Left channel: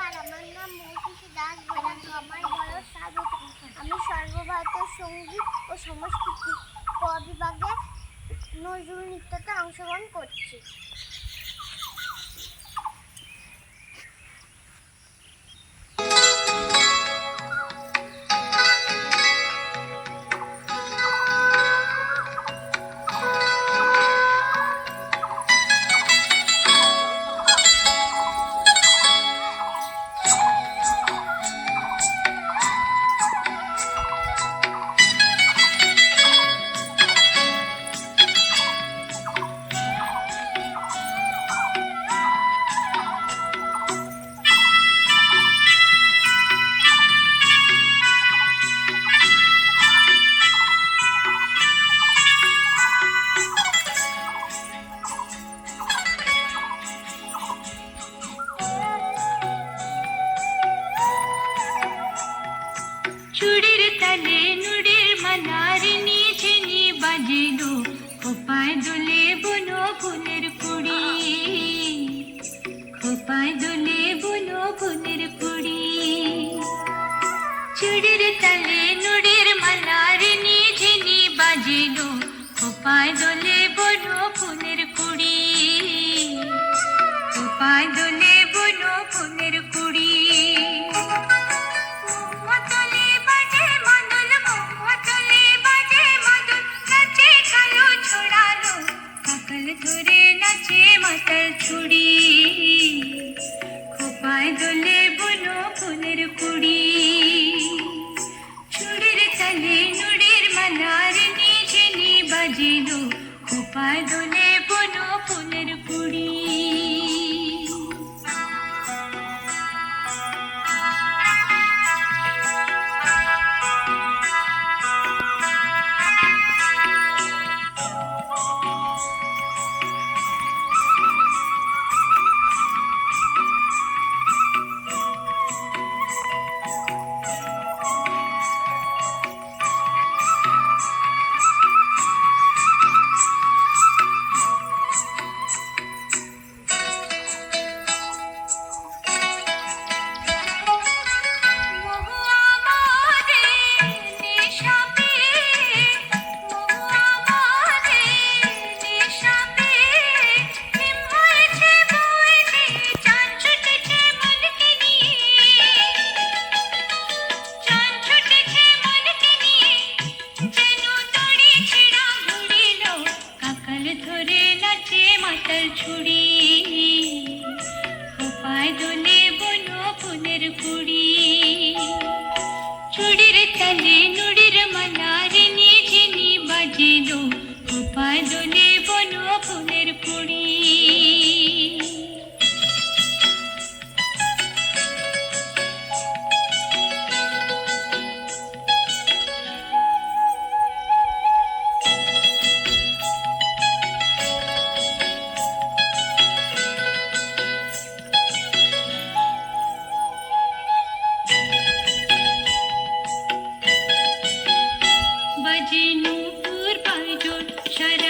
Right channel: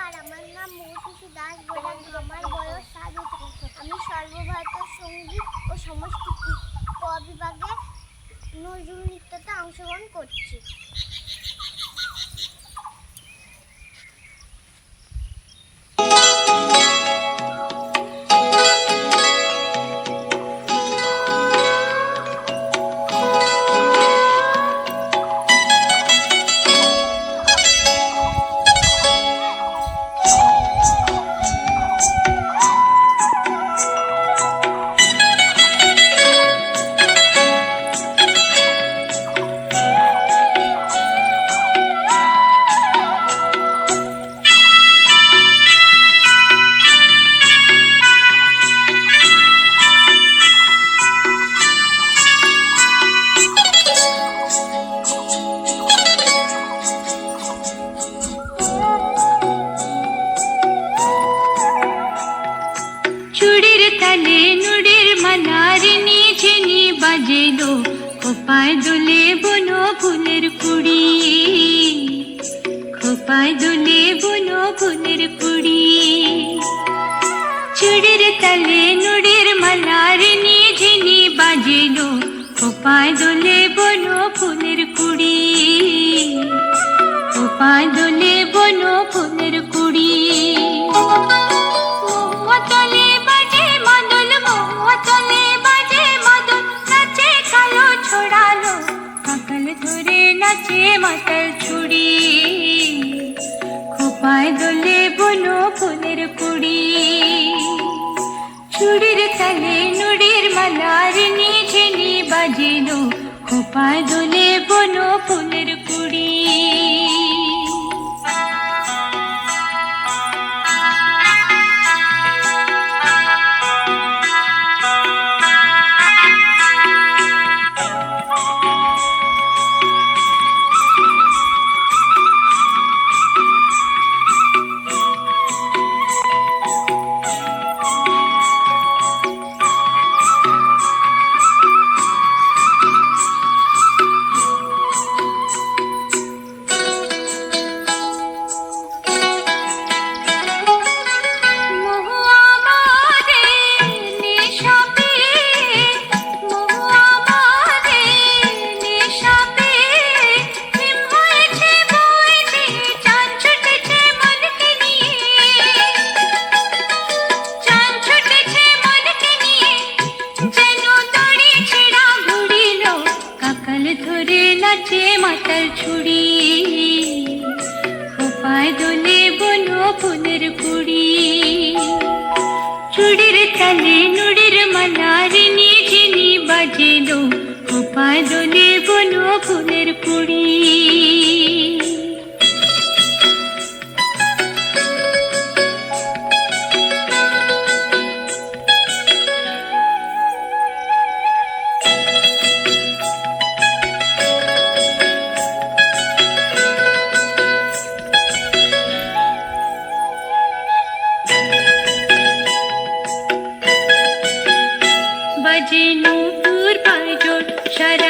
নমস্কার আমার নাম মৌসুমী দাস বৈরাগ আমার বয়স সাত। আমি সর্বভারতীয় সংগীত ও সংস্কৃতি ক বিভাগে নজরুল নৃত্যতে অংশগ্রহণ করছি বাজেলো খোপায় দোলে বুনো ফুলের কুড়ি। খোপায় দোলে বুনো ফুলের কুড়ি। চুড়ির তালে নুড়ির মালারিনি ঝিনি বাজেলো, খোপায় দোলে বুনো ফুলের কুড়ি। খোপায় দোলে বুনো মাতাল ছুড়ি খোপায় দোলে বনো ফুলের কুড়ি। চুড়ির তালে নুড়ির মালার নিঝিনি বাজিলো খোপায় ছুড়ি খোপায় দোলে বনো ফুলের কুড়ি। চুড়ির তালে নুড়ির মালার নিঝিনি বাজেলো। খোপায় দোলে বনো ফুলের বাজে নূপুর পাঁজর সারা গায়ে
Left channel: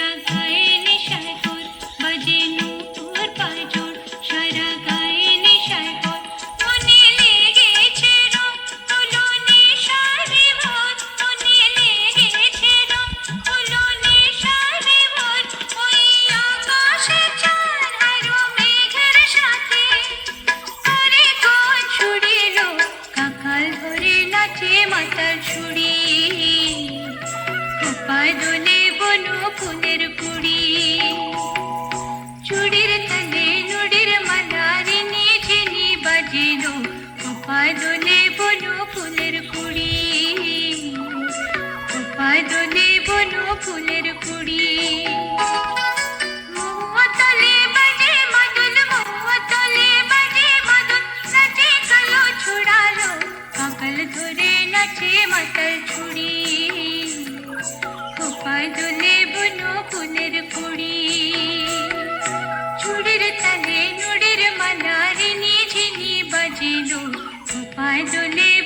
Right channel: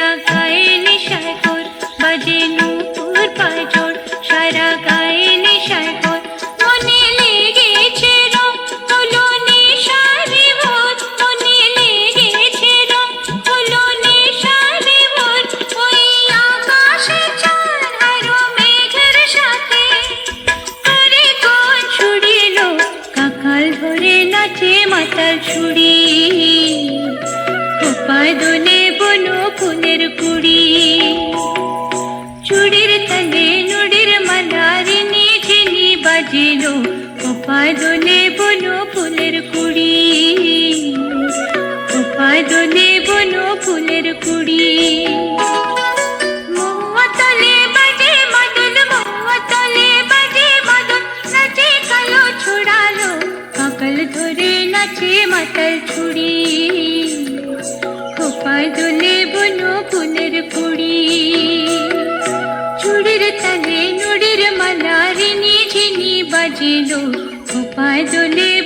খোপায় দোলে বনো ফুলের কুড়ি। দোলে বনো ফুলের কুড়ি। মহুয়াতলে সাজিল উপায়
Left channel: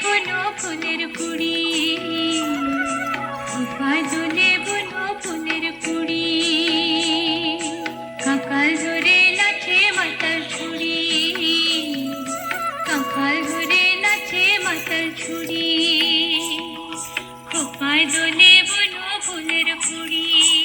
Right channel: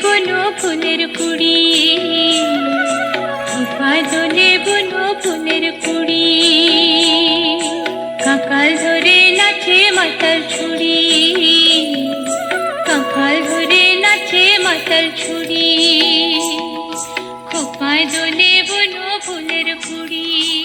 বন ফুলের কুড়ি। উপায় বন ফুলের কুড়ি। কাকাল ধরে নাচে মাতাল ছুড়ি কাকাল ধরে নাচে মাতাল ছুড়ি খোপায় দোলে বন ফুলের কুড়ি।